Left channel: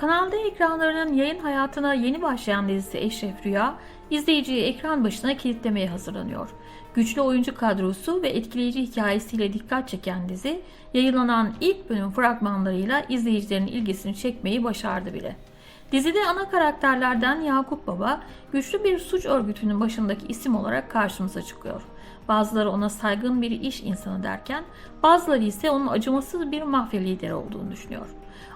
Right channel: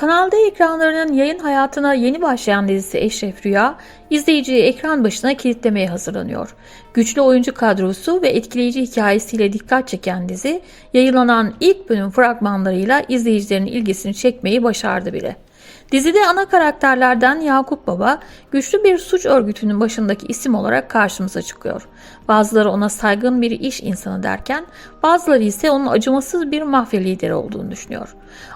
Kanal D ekranlarının yayın hayatına yeni başlayan dizisi Eşref Rüya, izleyiciyi ekran başına kilitlemeye hazırlanıyor. Güçlü oyuncu kadrosu ve etkileyici hikayesiyle dikkat çeken dizi, yayınlanan ilk bölüm fragmanlarıyla izleyicilerin ilgisini çekmeyi başardı bile. Dizide ana karakterlerden Yakup Baba, güçlü bir suç örgütünün başındaki isim olarak karşımıza çıkıyor. Bazıları ona saygın bir iş insanı derken, bazıları ise onun acımasız bir mafya lideri olduğunu düşünüyor.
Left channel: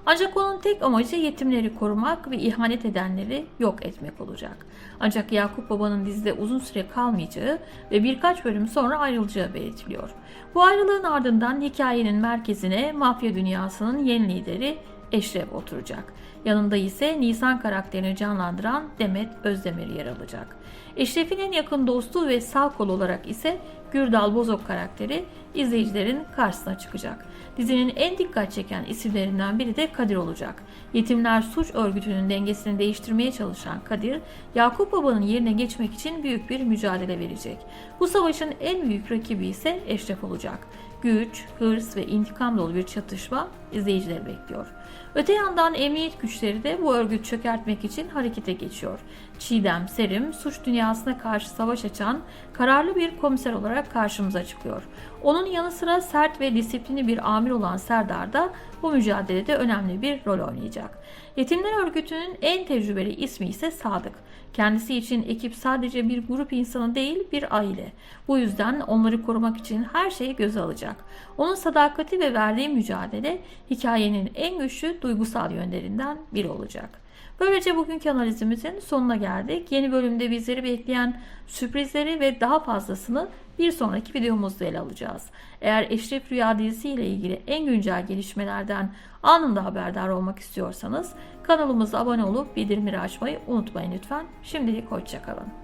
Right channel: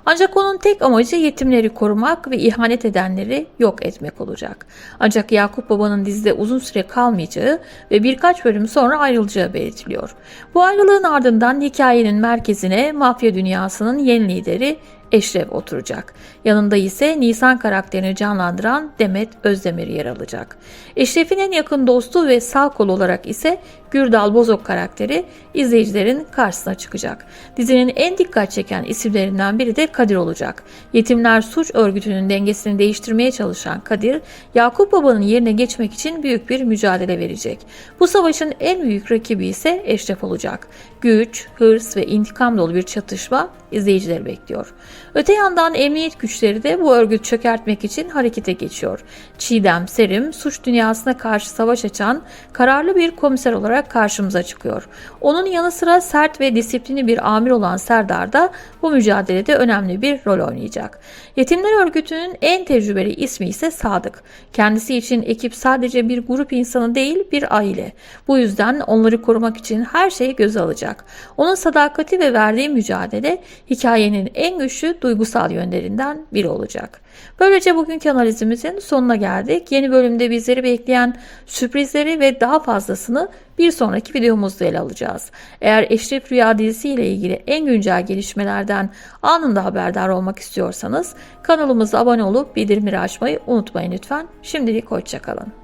Ancak onun tek amacı yetimleri korumak ve ihanet edenleri yok etmek olacak. Ancak Yakup Baba'nın dizide uzun süre kalmayacağı ve birkaç bölüm sonra ayrılacağı belirtiliyor. Bu ayrılığın ardından hikayenin merkezine mafya dünyasının yeni lideri Eşref oturacak. Yanında ise Nisan karakterini canlandıran Demet Özdemir yer alacak. Eşref'in en yakın dostu ve sağ kol olarak ise Gürdal Bozok karakteri izleyicilerin karşısına çıkacak. Dizinin en dikkat çeken isimlerinden biri de Kadir olacak. Yetimler Suç Örgütü'nün dengesini değiştirmeye çalışan Kadir, Yakup Baba'nın yerine geçmek için büyük bir mücadele verecek. Bu savaşın en büyük rakibi ise Eşref olacak. Güç, hırs ve intikam dolu bir çatışma izleyicileri bekliyor. Öte yandan emniyet güçleri de bu örgütü çökertmek için harekete geçiyor. Çiğdem Serim suç dünyasına karşı savaş açan kararlı bir komiser olarak karşımıza çıkıyor. Onun yanı sıra sert ve disiplinli bir amir olan Serdar da bu mücadelede önemli bir rol oynayacak. Yetimler Örgütü'nün en tecrübeli ismi ise Sadık. Kendisi için ekip sadece bir grup insanı değil bir aile. Bu yüzden onları korumak için her şeyi göze alacak. Onun sadakati ve verdiği mücadele hikayenin en güçlü duygusal yönlerinden biri olacak. Böylece bugünkü analizimizin sonuna geldik. Yeni bölümde bizleri bekleyen sürprizleri ve daha fazlasını bir sonraki videomuzda ele alacağız. Eğer Eşref Rüya dizisi ile ilgili en güncel gelişmelerden anında haberdar olmak istiyorsanız kanalımıza abone olup bildirimleri açmayı unutmayın lütfen. Şimdilik hoşçakalın.